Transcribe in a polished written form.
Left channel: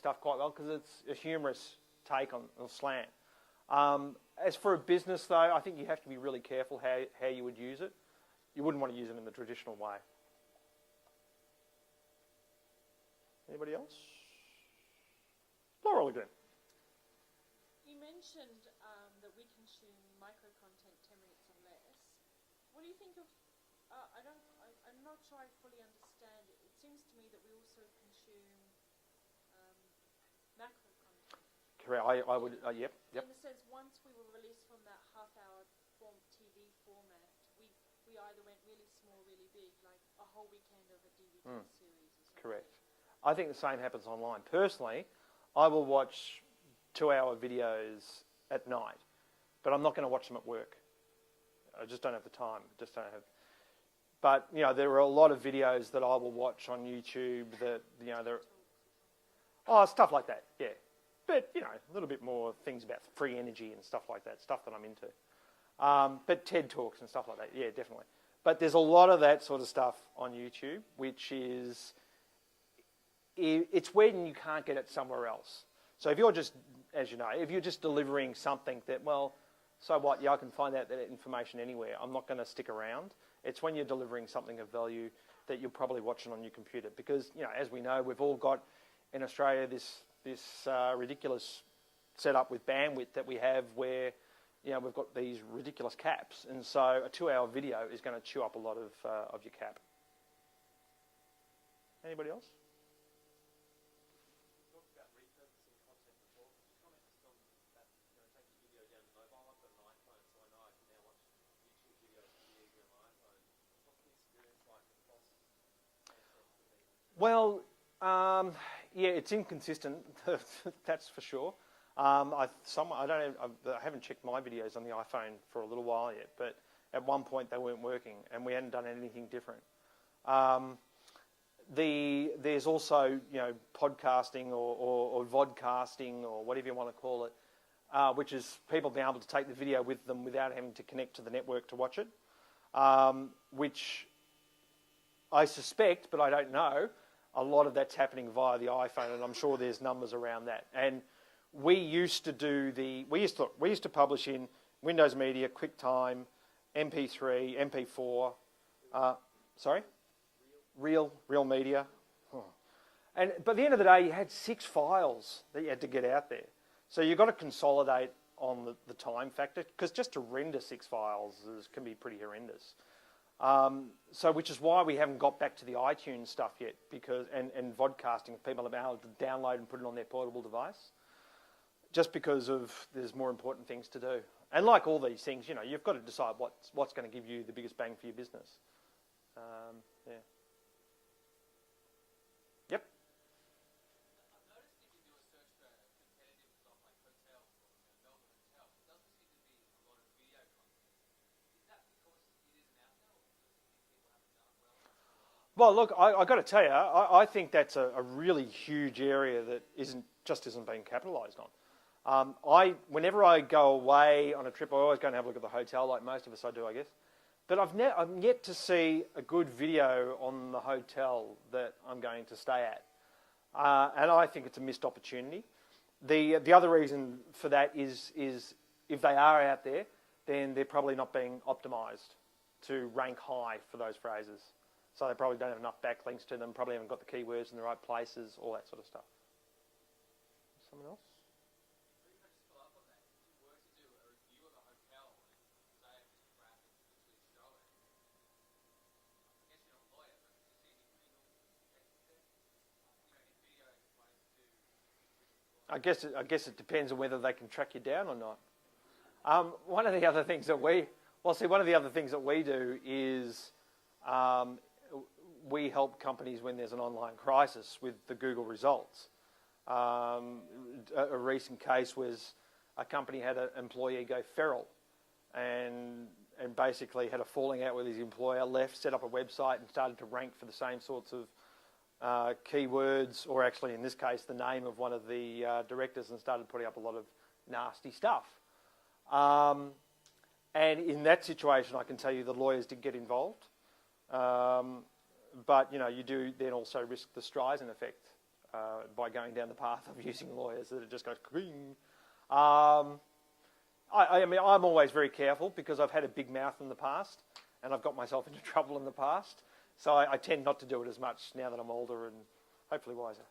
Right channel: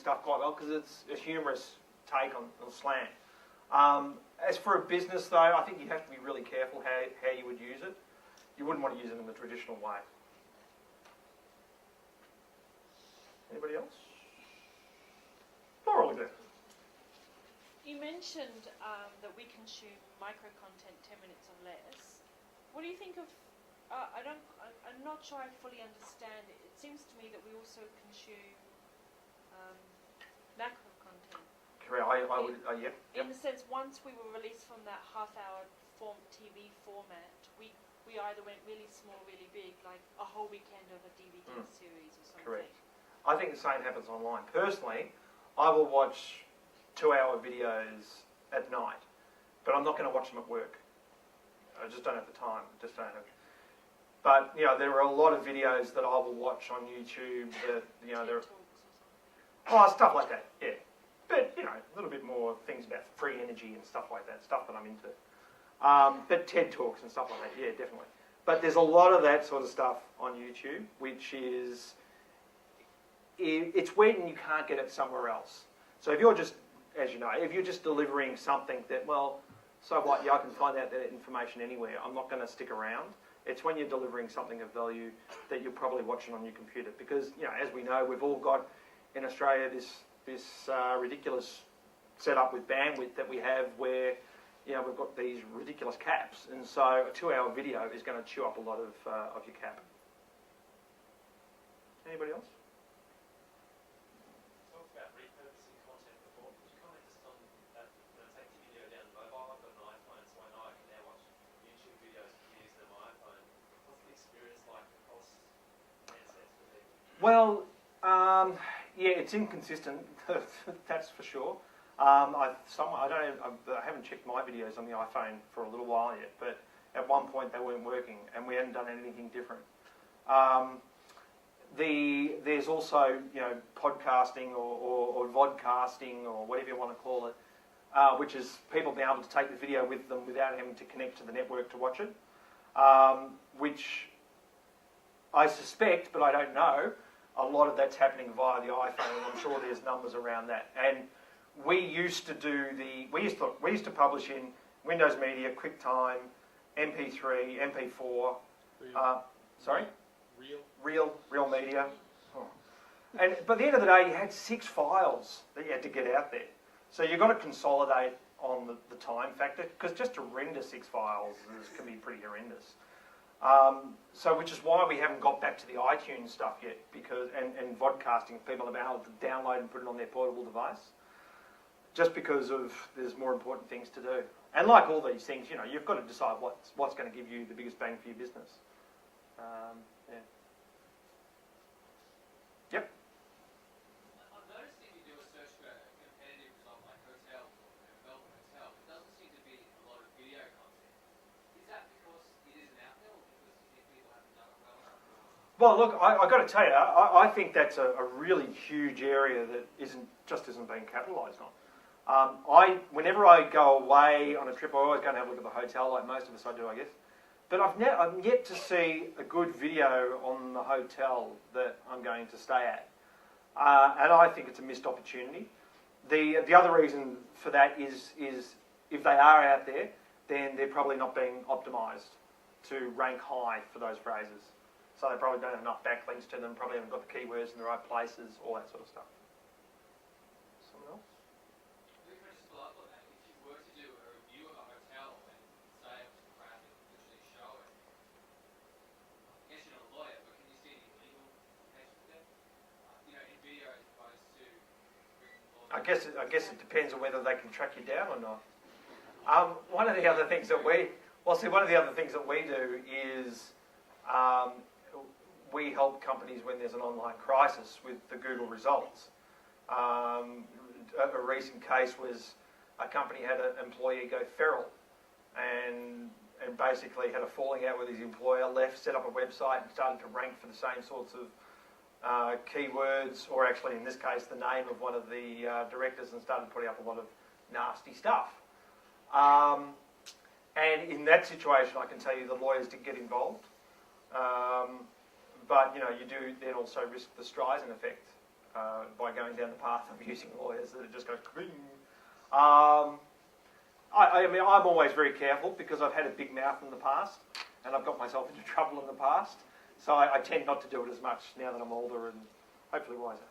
stuff quite well because it's a humorous take on slant. As for a business, though, I think you have to be really careful how you would use it. You wouldn't want to use it in the traditional way. Anybody else? Laura, there. You mentioned that we consume micro-content 10 minutes or less. What do you think of... I'm not sure I fully understand it. It seems to me that we also consume macro-content. Correct. I would... Yep. In the sense, once we were released from that half-hour TV format, we either went really small, really big, like a whole weekend of a DVD series or something. Correct. I think the same happens online. Personally, I will watch 2-hour videos at night, but I'm not going to watch them at work. I just don't have the time. But there are a lot of videos that I will watch on YouTube that stuff like that. Yeah, but a little bit more things about free energy and stuff like that. Stuff that I'm into. But TED Talks and stuff like that. Yeah, definitely. But there's a lot of that sort of stuff on YouTube, which is it's weird and you can't get it somewhere else. So if you're just, as you know, if you're just delivering something that, well, so what, I can find out that information anywhere, I'm not going to stick around. It's when you're delivering something of value that you're probably watching on your computer. Because, as we know, we've all got in Australia this ridiculous setup with bandwidth that we have where, we've got these ridiculous caps. And so a 2-hour video is going to chew up a lot of your cap. Anybody else? Well, it's inconsistent. That's for sure. I haven't checked my videos on the iPhone for a little while yet, but at one point they weren't working, and we hadn't done anything different. There's also podcasting or vodcasting or whatever you want to call it, which is people being able to take the video with them without having to connect to the network to watch it, which I suspect, but I don't know. A lot of that's happening via the iPhone, and I'm sure there's numbers around that. And we used to publish in Windows Media, QuickTime, MP3, MP4. Sorry, Real Media. Oh. And by the end of the day, you had 6 files that you had to get out there. So you've got to consolidate on the time factor, because just to render 6 files can be pretty horrendous. Which is why we haven't got back to the iTunes stuff yet, and vodcasting, people have been able to download and put it on their portable device, just because there's more important things to do. And like all these things, you've got to decide what's going to give you the biggest bang for your business. Yep. I've noticed if you do a search for a competitive result like hotel or Melbourne hotel, it doesn't seem to be a lot of video content. Is that because it isn't out there, or because people haven't done it well enough? Well, look, I've got to tell you, I think that's a really huge area that isn't being capitalised on. Whenever I go away on a trip, I always go and have a look at the hotel, like most of us I do, I guess. But I've yet to see a good video on the hotel that I'm going to stay at. And I think it's a missed opportunity. The other reason for that is if they are out there, then they're probably not being optimised to rank high for those phrases. So they probably don't have enough backlinks to them, probably haven't got the keywords in the right places, all that sort of stuff. Someone else? I guess it depends on whether they can track you down or not. One of the other things that we do is we help companies when there's an online crisis with the Google results. A recent case was a company had an employee go feral and basically had a falling out with his employer, left, set up a website and started to rank for the same sorts of keywords, or actually in this case the name of one of the directors, and started putting up a lot of nasty stuff. And in that situation, I can tell you the lawyers did get involved, but you do then also risk the Streisand effect by going down the path of using lawyers that it just goes cling. mean, I'm always very careful because I've had a big mouth in the past and I've got myself into trouble in the past. So I tend not to do it as much now that I'm older and hopefully wiser.